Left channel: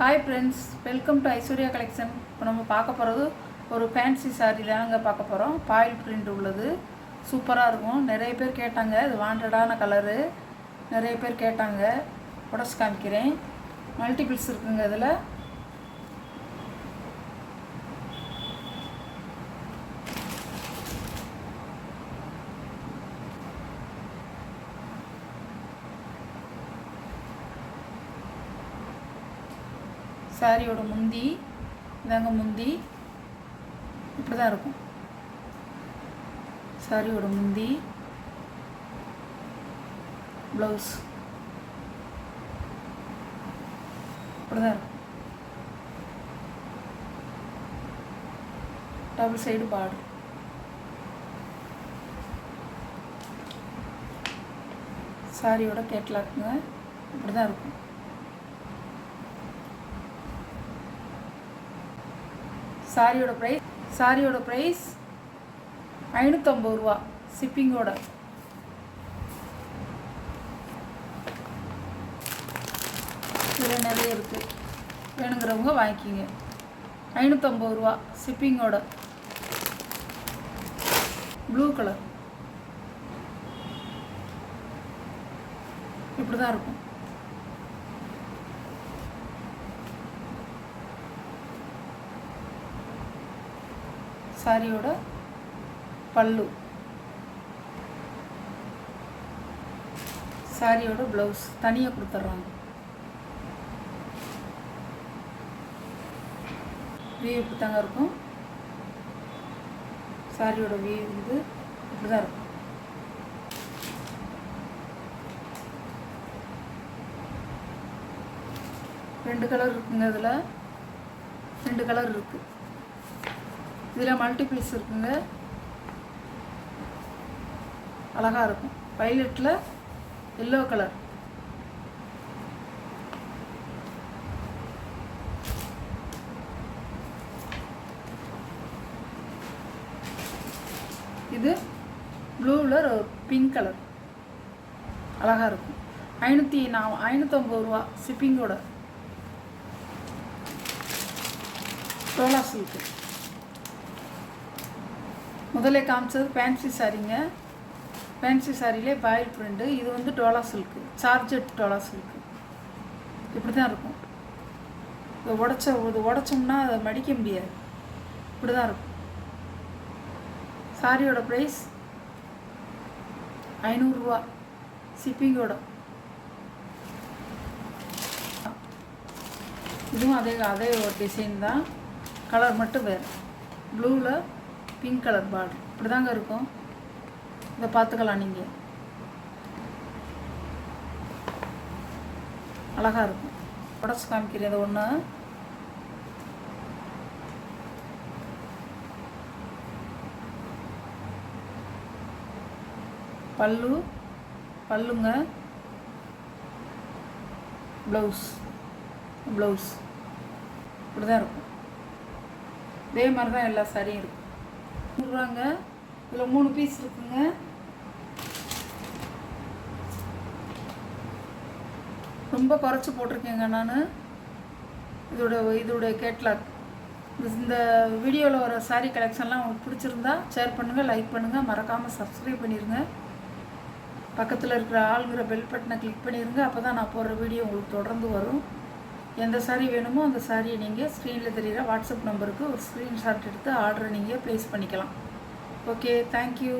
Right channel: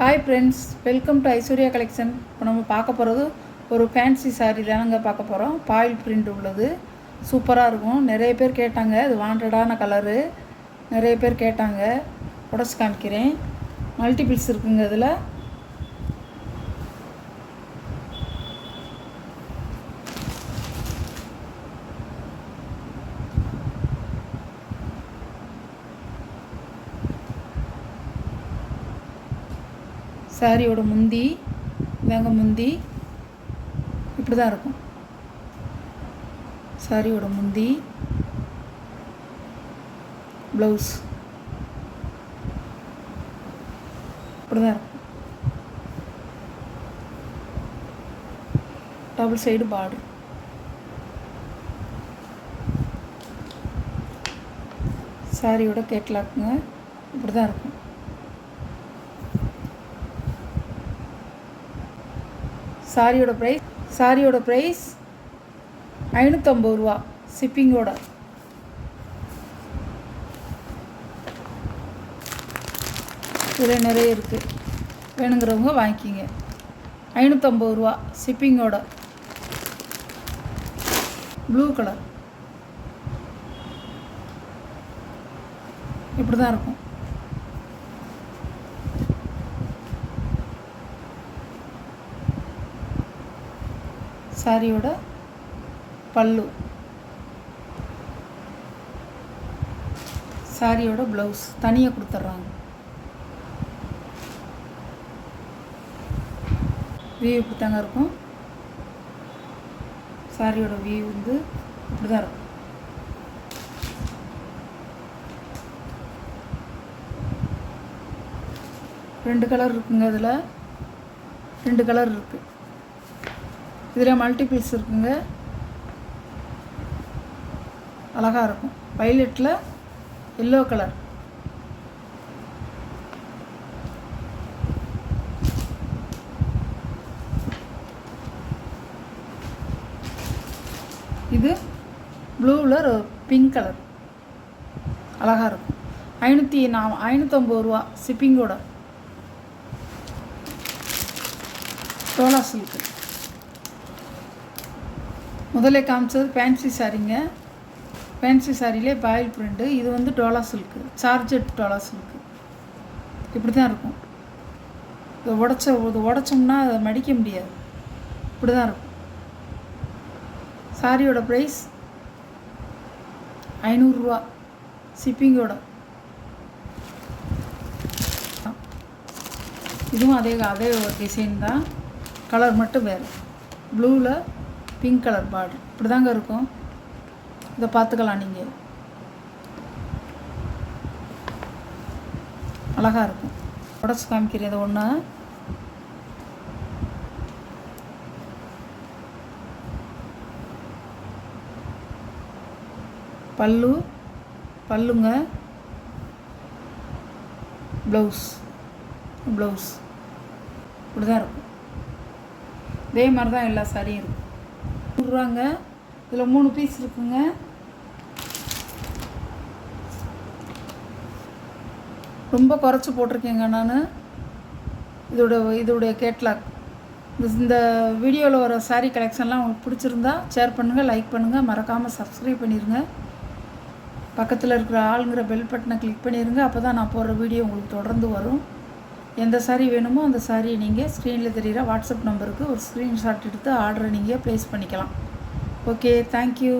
Hi friends, welcome to Aishwarya collection. இப்போ நம்ம பார்க்க போகிறது ஒரு ஃபேன்சி சாரீ தாங்க பார்க்க போகிறோம். பாயில் பிரிண்ட் உள்ளது, சூப்பராக இருக்கும். நிறைய பேர் கேட்டாங்க, இது வாண்டடான கலரு. நிறைய பேர் கேட்டாங்க, உடச்சி காமிக்கிறேன். மல்டிபிள்ஸ் இருக்குங்க இதில். சாரியோட முந்தி இதாங்க, முந்தி இப்படி தான் இருக்கும். சாரியோட முந்தி, ப்ளவுஸ் இப்படி தான் இருக்கும். Double side border. சாரியோட கேட்லாக்குங்க இப்படி தான் இருக்கும். சாரியோட ப்ரைஸ் 550 ரூபா ஷிப்பிங்கோட. இதில் நிறைய இருக்குது, வேணுங்கிறவங்க வாங்கிக்கிங்க. 550 ரூபா ஷிப்பிங்கோட. ப்ளூ கலர் இப்படி தான் இருக்கும். சாரியோட பல்லு, சாரியோட ப்ளவுஸ் தனியாக கொடுத்துட்றாங்க. வியூ இப்படி தாங்க இருக்கும். சாரியோட வியூ வந்து இப்படி தான் இருக்கும். ரெண்டு கலர் இருக்குங்க இதில், 2 கலர் இருக்குது. இதில் மல்டிபிள்ஸ் இருக்குங்க, அழகாக இருக்கும். வைலட்டில் எல்லோ கலர், இது ப்ளூவில் பிங்க் கலர், அழகாக இருக்கும். 550 ரூபா ஷிப்பிங்கோட. டோலா சில்க்கு முதல்ல காமிச்சது ஃபேன்சி சாரீங்க. ஃபேன்சி சாரிலே பாயில் பிரிண்ட்டு. இது வந்து டோலா சில்க்கு, சார்ஜெட் டோலா சில்க்கு. இப்படி தான் இருக்கும். இதை உடச்சோம்னா அதை மடிக்க முடியாது, இப்படி தான் இருக்கும். சாரியோட ப்ரைஸ் 500 ரூபா ஷிப்பிங்கோட. இதுவும் அதே ஒரு டிசைன் தான், கலர் மட்டும் வேறு. ப்ளூவில் பிங்க் கலர் பார்டர் இப்படி தாங்க இருக்கும். இதை பார்த்துக்கலாம் நீங்கள், அழகாக இருக்கும். உடச்சி காமிக்கிறது ஒன்று. பல்லுங்க, ப்ளவுஸ் இப்படி தான் இருக்கும். இதே மாதிரி தான் எல்லா சாரியும் இருக்கும். ரூபாங்க. இதில் 3 பீஸ் இருக்குங்க. ரொம்ப குறைச்சி போட்டிருக்கேங்க நான். இதோட கேட்லாக். இந்த வீடியோவில் வர சாரீ கலெக்ஷன்லாம் உங்களுக்கு பிடிச்சிருந்தா ஷேர் பண்ணுங்கள், லைக் பண்ணுங்கள், மறக்காமல் சப்ஸ்கிரைப் பண்ணிடுங்க. பக்கத்தில் இருக்கிற ஆளுங்கிற பெல் பட்டனை கிளிக் பண்ணிடுங்க. அப்போ தான் நான் போடுற வீடியோ உங்களுக்கு தொடர்ந்து வரும். எந்த சாரீ வேணுமோ அந்த சாரீ நீங்கள் ஸ்க்ரீனில் தெரிகிற வாட்ஸ்அப் நம்பருக்கு ஒரு ஸ்க்ரீன்ஷாட் எடுத்து ஆர்டரை நீங்கள் ப்ளேஸ் பண்ணிக்கலாம். Okay, thank you.